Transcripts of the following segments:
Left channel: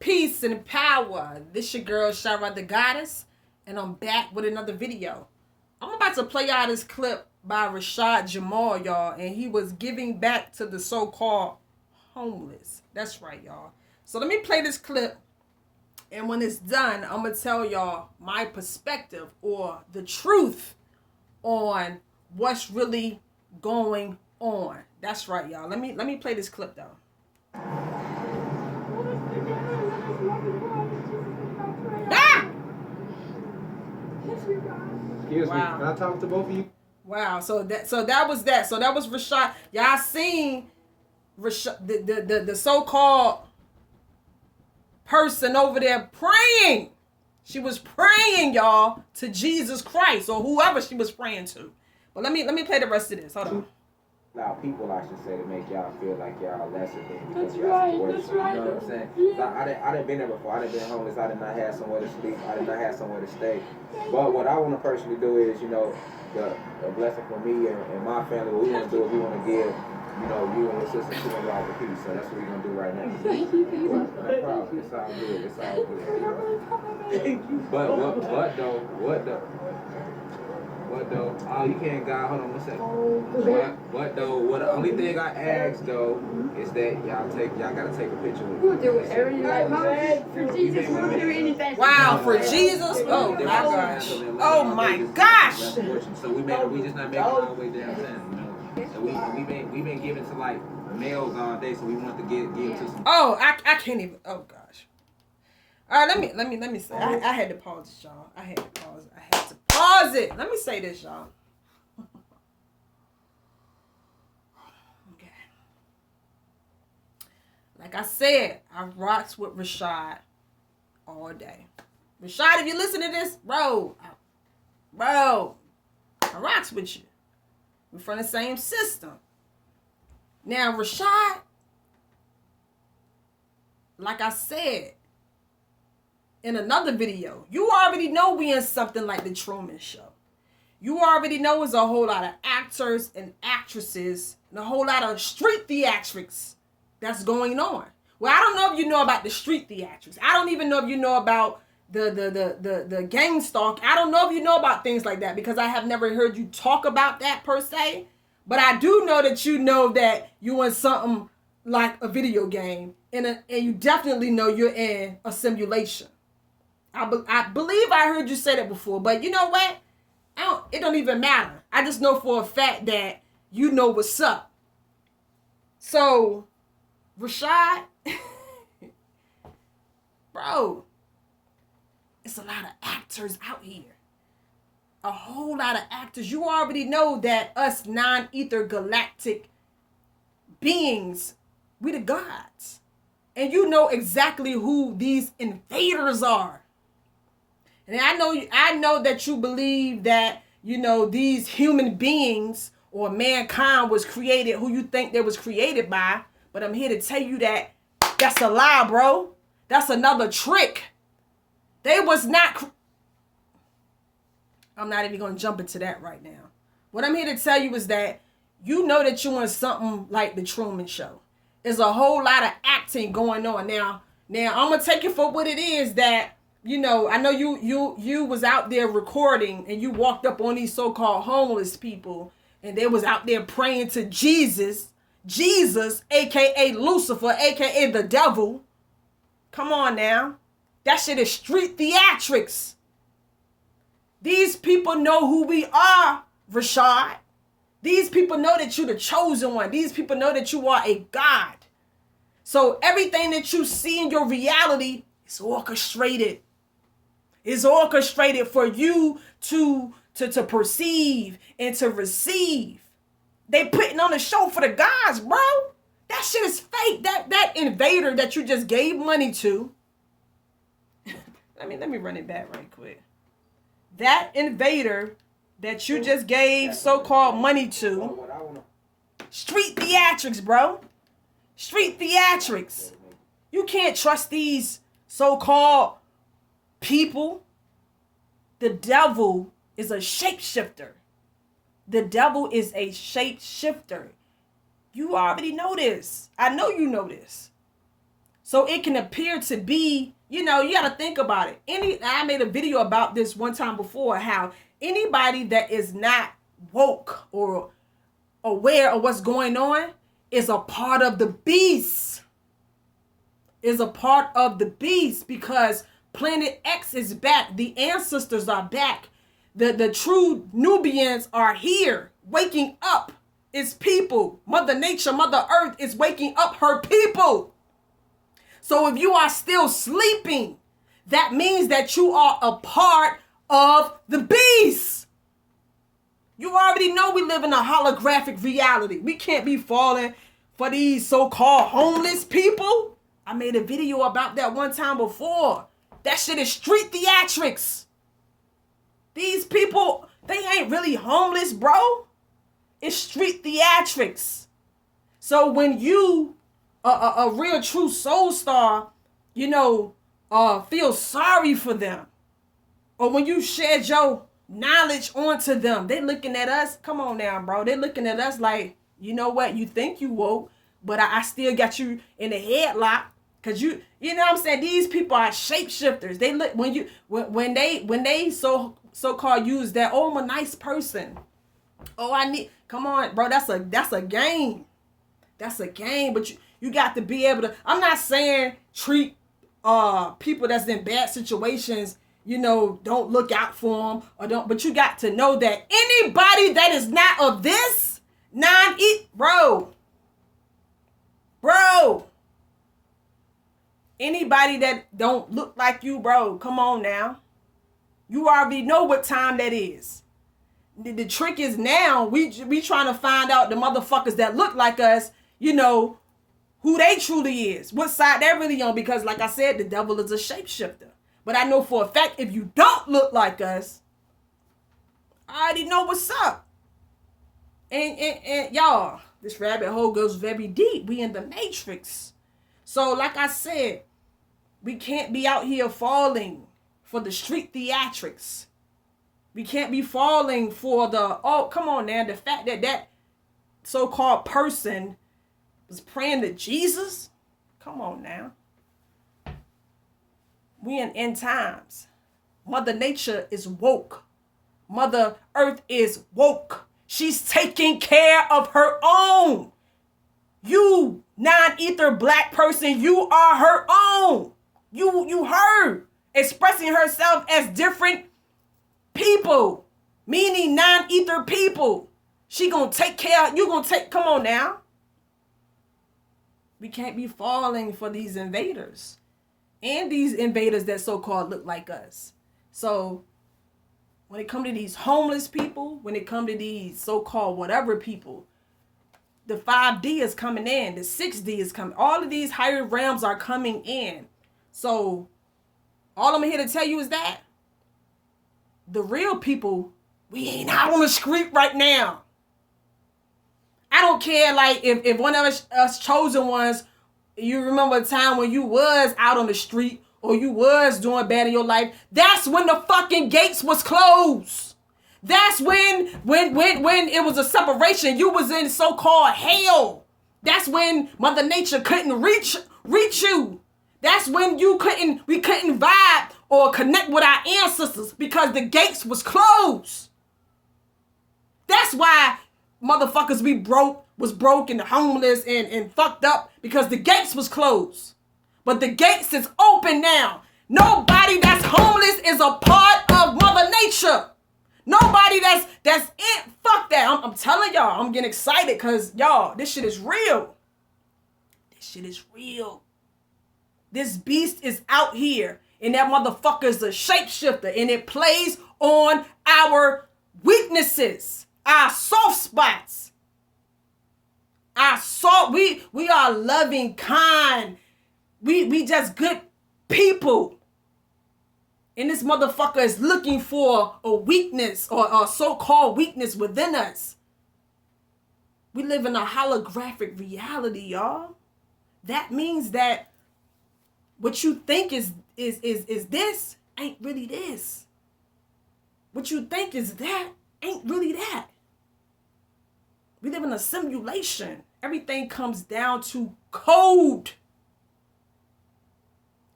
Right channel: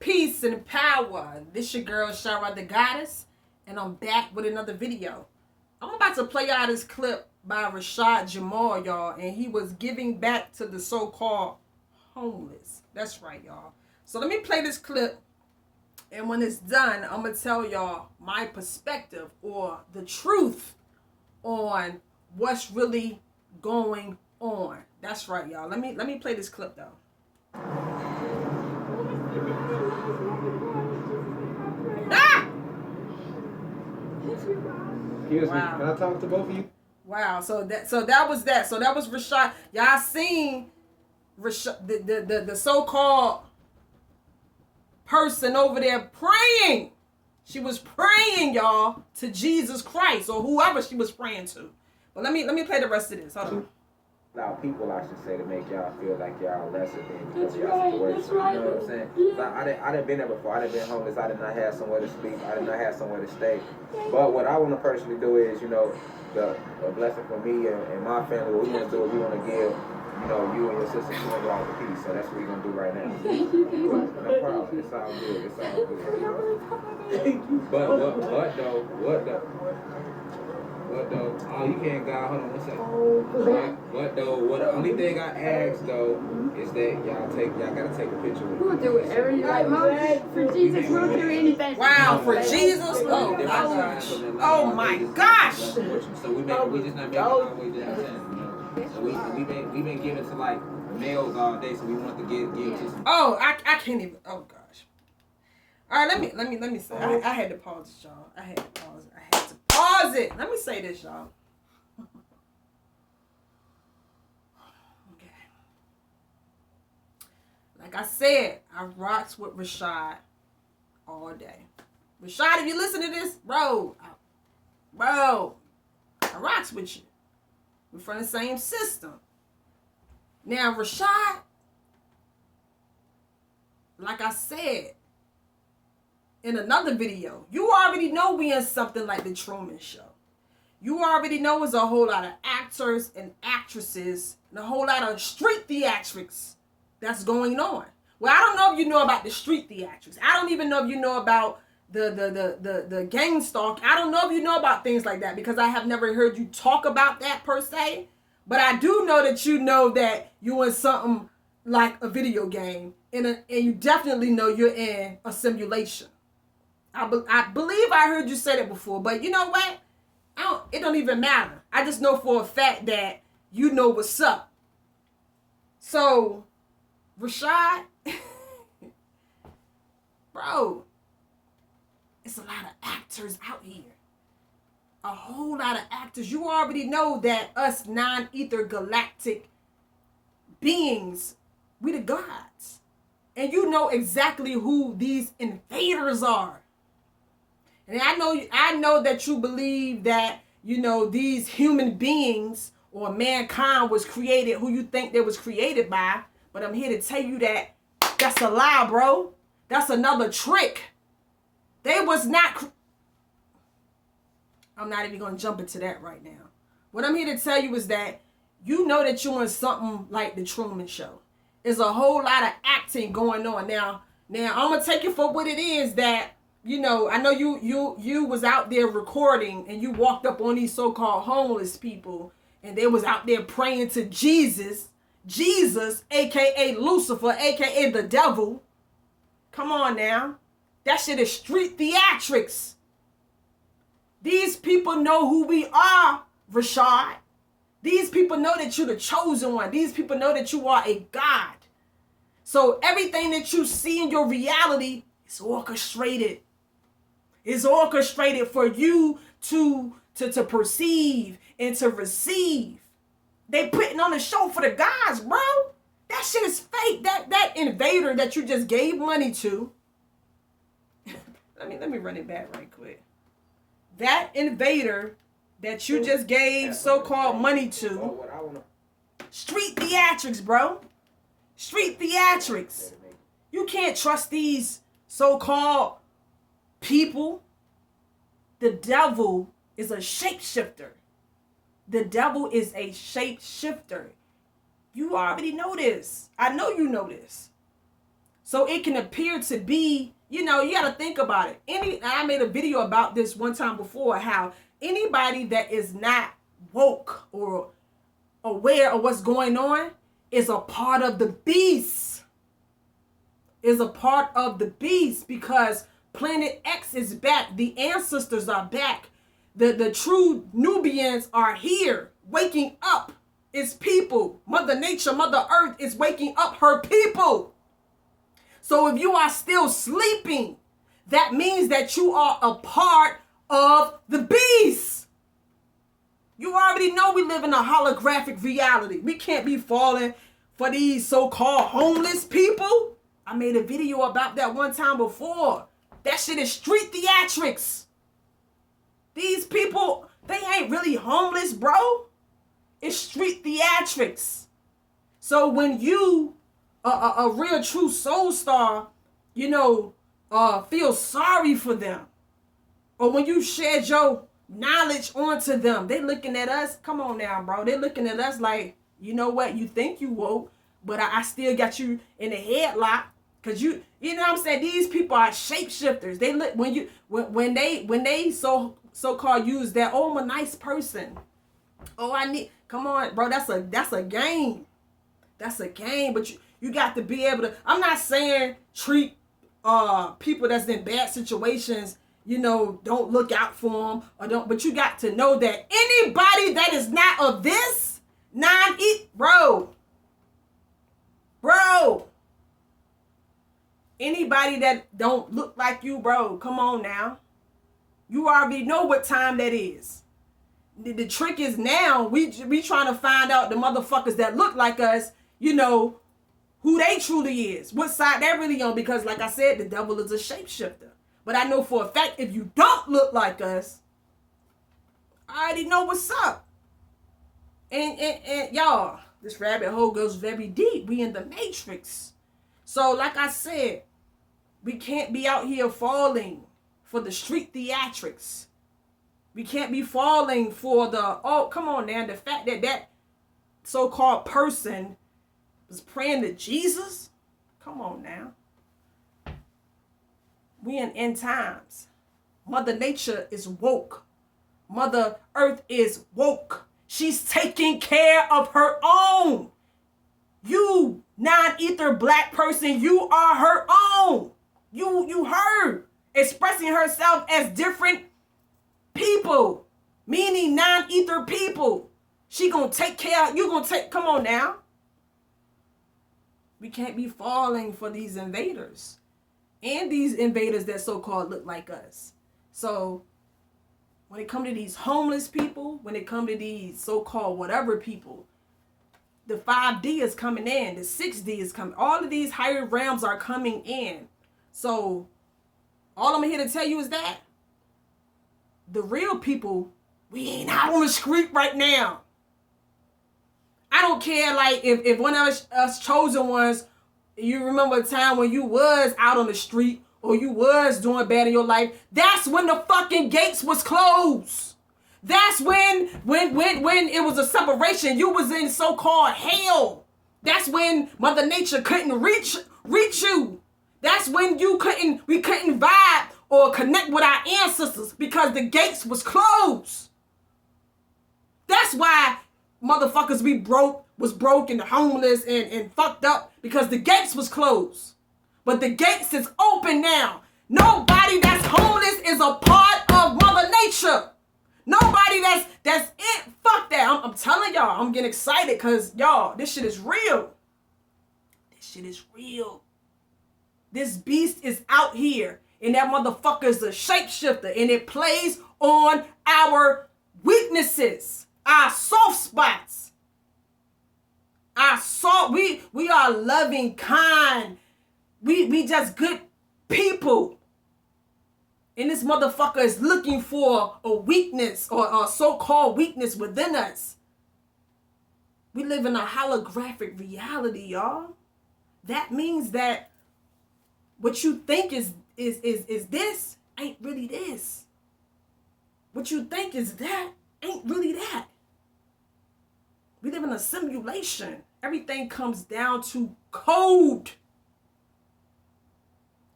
Peace and power. This your girl, Shara the Goddess, and I'm back with another video. I'm about to play out this clip by Rashad Jamal, y'all, and he was giving back to the so-called homeless. That's right, y'all. So let me play this clip, and when it's done, I'm going to tell y'all my perspective or the truth on what's really going on. That's right, y'all. Let me play this clip, though. Excuse me. Can I talk to both of you? Wow. So that was that. So that was Rashad. Y'all seen Rashad, the so-called person over there praying. She was praying, y'all, to Jesus Christ or whoever she was praying to. But let me play the rest of this. Hold on. Now, people, I should say, to make y'all feel like y'all lesser than because y'all worse. You know what I'm saying? I done been there before. I done been homeless. I did not have somewhere to sleep. I did not have somewhere to stay. But what I want to personally do is, you know, a blessing for me and my family. What we want to do is we want to give, you know, you and your sister $200 a piece. So that's what we're going to do right now. No problem. It's all good. It's all good. But what though? Oh, you can't, God. Hold on one second. What though? What the only thing I ask though is that y'all gotta take a picture with me. We'll do whatever you like, Mom. For Jesus, we'll do anything. Wow, for Jesus? Oh my gosh. Oh my gosh. So we just not making our way downtown, you know. So we been giving to like males all day, so we want to give to some. Oh, I can't even. Oh gosh. All right, let me say. I had to pause this, y'all. I had to pause it. Let me say this, y'all. Okay. Like I said, I rocks with Rashad all day. Rashad, if you listen to this, bro, I rocks with you. We're from the same system. Now, Rashad, like I said in another video, you already know we in something like the Truman Show. You already know it's a whole lot of actors and actresses and a whole lot of street theatrics that's going on. Well, I don't know if you know about the street theatrics. I don't even know if you know about the Gangstalking. I don't know if you know about things like that because I have never heard you talk about that per se. But I do know that you know that you're in something like a video game and you definitely know you're in a simulation. I believe I heard you say that before, but you know what? It don't even matter. I just know for a fact that you know what's up. So, Rashad, bro, it's a lot of actors out here. A whole lot of actors. You already know that us non-ether galactic beings, we the gods. And you know exactly who these invaders are. And I know that you believe that, you know, these human beings or mankind was created who you think they was created by. But I'm here to tell you that that's a lie, bro. That's another trick. They was not. I'm not even going to jump into that right now. What I'm here to tell you is that you know that you're in something like the Truman Show. There's a whole lot of acting going on. Now I'm going to take it for what it is that, you know, I know you was out there recording and you walked up on these so-called homeless people and they was out there praying to Jesus, aka Lucifer, aka the devil. Come on now. That shit is street theatrics. These people know who we are, Rashad. These people know that you're the chosen one. These people know that you are a God. So everything that you see in your reality is orchestrated. It's orchestrated for you to perceive and to receive. They putting on a show for the gods, bro. That shit is fake. That invader that you just gave money to. let me run it back right quick. That invader that you just gave so-called money to. Street theatrics, bro. Street theatrics. You can't trust these so-called people. The devil is a shapeshifter. The devil is a shapeshifter. You already know this. I know you know this. So it can appear to be, you got to think about it. I made a video about this one time before, how anybody that is not woke or aware of what's going on is a part of the beast. Is a part of the beast, because Planet X is back. The ancestors are back. The true Nubians are here, waking up its people. Mother Nature, Mother Earth is waking up her people. So if you are still sleeping, that means that you are a part of the beast. You already know we live in a holographic reality. We can't be falling for these so-called homeless people. I made a video about that one time before. That shit is street theatrics. These people, they ain't really homeless, bro. It's street theatrics. So when you, a real true soul star, feel sorry for them, or when you shared your knowledge onto them, they looking at us. Come on now, bro. They looking at us like, you know what? You think you woke, but I still got you in the headlock. Cause you know what I'm saying? These people are shapeshifters. They look when they so-called use that, oh, I'm a nice person. Oh, come on, bro. That's a game. That's a game. But you got to be able to. I'm not saying treat people that's in bad situations, don't look out for them or don't. But you got to know that anybody that is not of this bro. Anybody that don't look like you, bro, come on now. You already know what time that is. The trick is now we trying to find out the motherfuckers that look like us, who they truly is, what side they're really on. Because like I said, the devil is a shapeshifter. But I know for a fact, if you don't look like us, I already know what's up. And y'all, this rabbit hole goes very deep. We in the matrix. So like I said, we can't be out here falling for the street theatrics. We can't be falling for come on now, the fact that so-called person was praying to Jesus. Come on now. We in end times. Mother Nature is woke. Mother Earth is woke. She's taking care of her own. You non-ether black person, you are her own. You her expressing herself as different people, meaning non-ether people. She gonna take care. Come on now. We can't be falling for these invaders and these invaders that so-called look like us. So when it come to these homeless people, when it come to these so-called whatever people, the 5D is coming in, the 6D is coming. All of these higher realms are coming in. So all I'm here to tell you is that the real people, we ain't out on the street right now. I don't care, like, if one of us chosen ones, you remember a time when you was out on the street or you was doing bad in your life, that's when the fucking gates was closed. That's when it was a separation. You was in so-called hell. That's when Mother Nature couldn't reach you. That's when we couldn't vibe or connect with our ancestors because the gates was closed. That's why motherfuckers was broke and homeless and fucked up, because the gates was closed. But the gates is open now. Nobody that's homeless is a part of Mother Nature. Nobody that's it. Fuck that. I'm telling y'all, I'm getting excited because y'all, this shit is real. This shit is real. This beast is out here, and that motherfucker is a shapeshifter, and it plays on our weaknesses, our soft spots. We are loving, kind. We just good people. And this motherfucker is looking for a weakness or a so-called weakness within us. We live in a holographic reality, y'all. That means that what you think is this ain't really this. What you think is that ain't really that. We live in a simulation. Everything comes down to code.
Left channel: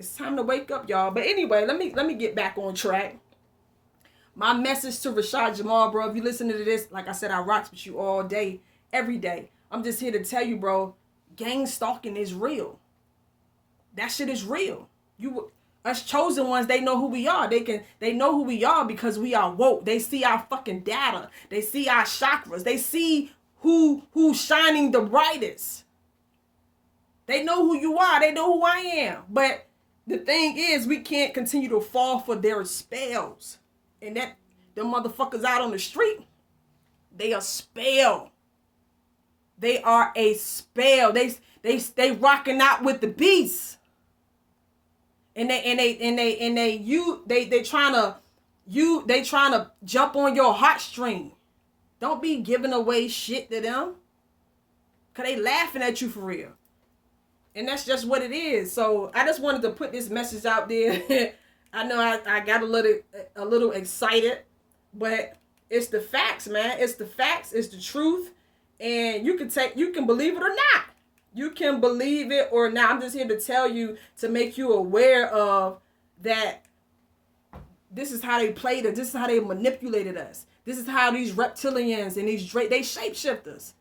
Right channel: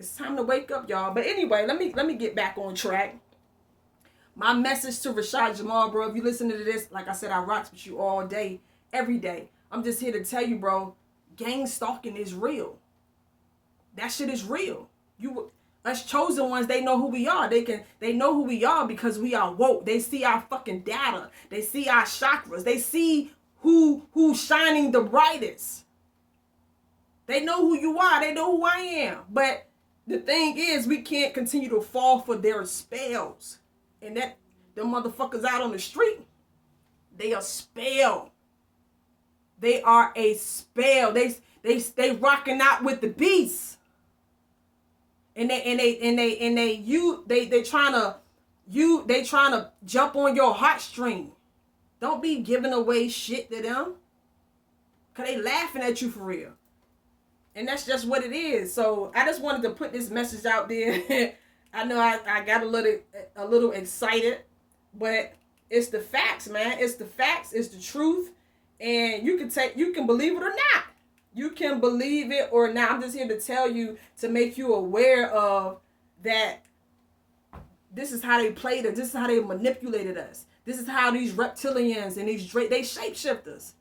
It's time to wake up, y'all. But anyway, let me get back on track. My message to Rashad Jamal, bro, if you listen to this, like I said, I rocks with you all day, every day. I'm just here to tell you, bro, Gangstalking is real. That shit is real. Us chosen ones, they know who we are. They know who we are because we are woke. They see our fucking data. They see our chakras. They see who's shining the brightest. They know who you are. They know who I am. But the thing is, we can't continue to fall for their spells. And that them motherfuckers out on the street, they a spell. They are a spell. They rocking out with the beast. And they trying to jump on your heartstring. Don't be giving away shit to them. Cause they laughing at you for real. And that's just what it is. So I just wanted to put this message out there. I know I got a little excited, but it's the facts, man. It's the facts. It's the truth, and you can believe it or not. You can believe it or not. I'm just here to tell you, to make you aware of that. This is how they played us. This is how they manipulated us. This is how these reptilians and these they shapeshifters.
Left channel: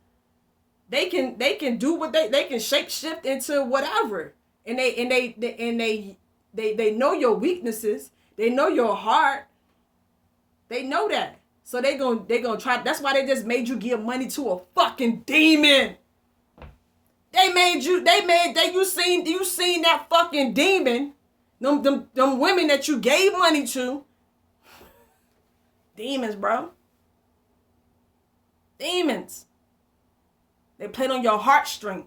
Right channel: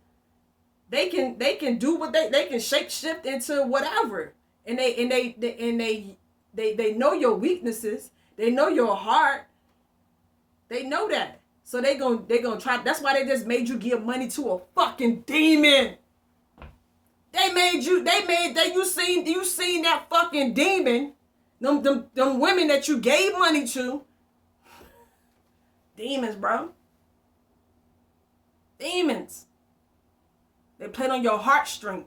They can do what they can shapeshift into whatever, and they know your weaknesses. They know your heart. They know that. So they gonna try. That's why they just made you give money to a fucking demon. You seen that fucking demon. Them women that you gave money to. Demons, bro. Demons. They played on your heartstring.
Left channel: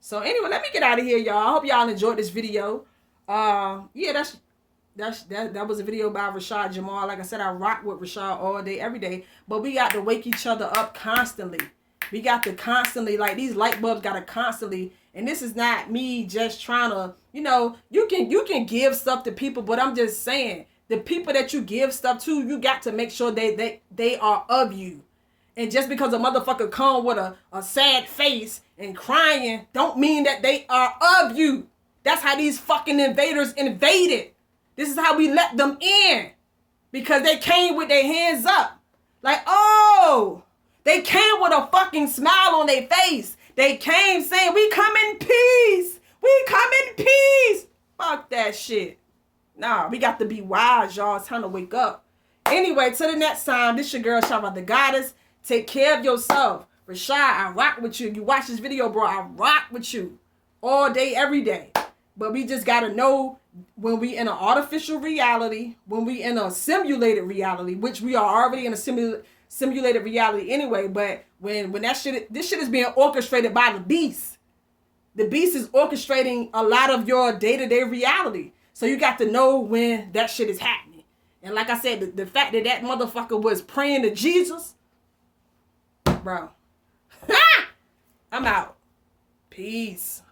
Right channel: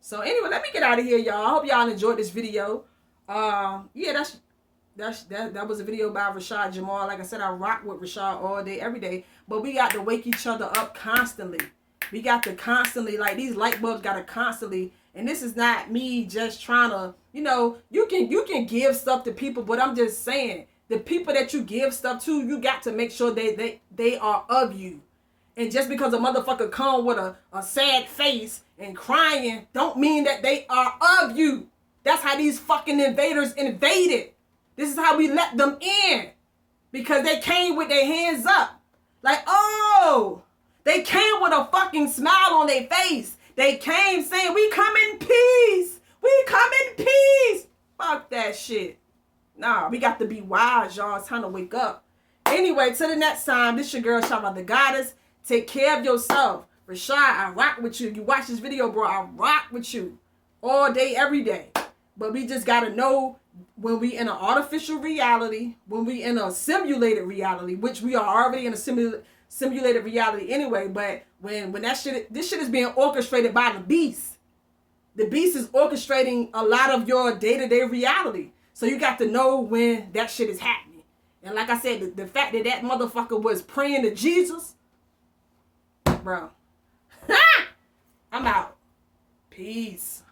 So anyway, let me get out of here, y'all. I hope y'all enjoyed this video. Yeah, that was a video by Rashad Jamal. Like I said, I rock with Rashad all day, every day. But we got to wake each other up constantly. We got to constantly, like, these light bulbs got to constantly. And this is not me just trying to, you can give stuff to people, but I'm just saying, the people that you give stuff to, you got to make sure they are of you. And just because a motherfucker come with a sad face and crying, don't mean that they are of you. That's how these fucking invaders invaded. This is how we let them in. Because they came with their hands up. Like, oh, they came with a fucking smile on their face. They came saying, we come in peace. We come in peace. Fuck that shit. Nah, we got to be wise, y'all. It's time to wake up. Anyway, till the next time, this your girl, Shabba the Goddess. Take care of yourself. Rashad, I rock with you. If you watch this video, bro, I rock with you. All day, every day. But we just got to know when we in an artificial reality, when we in a simulated reality, which we are already in a simulated reality anyway. But when this shit is being orchestrated by the beast. The beast is orchestrating a lot of your day-to-day reality. So you got to know when that shit is happening. And like I said, the fact that motherfucker was praying to Jesus, bro. I'm out. Peace.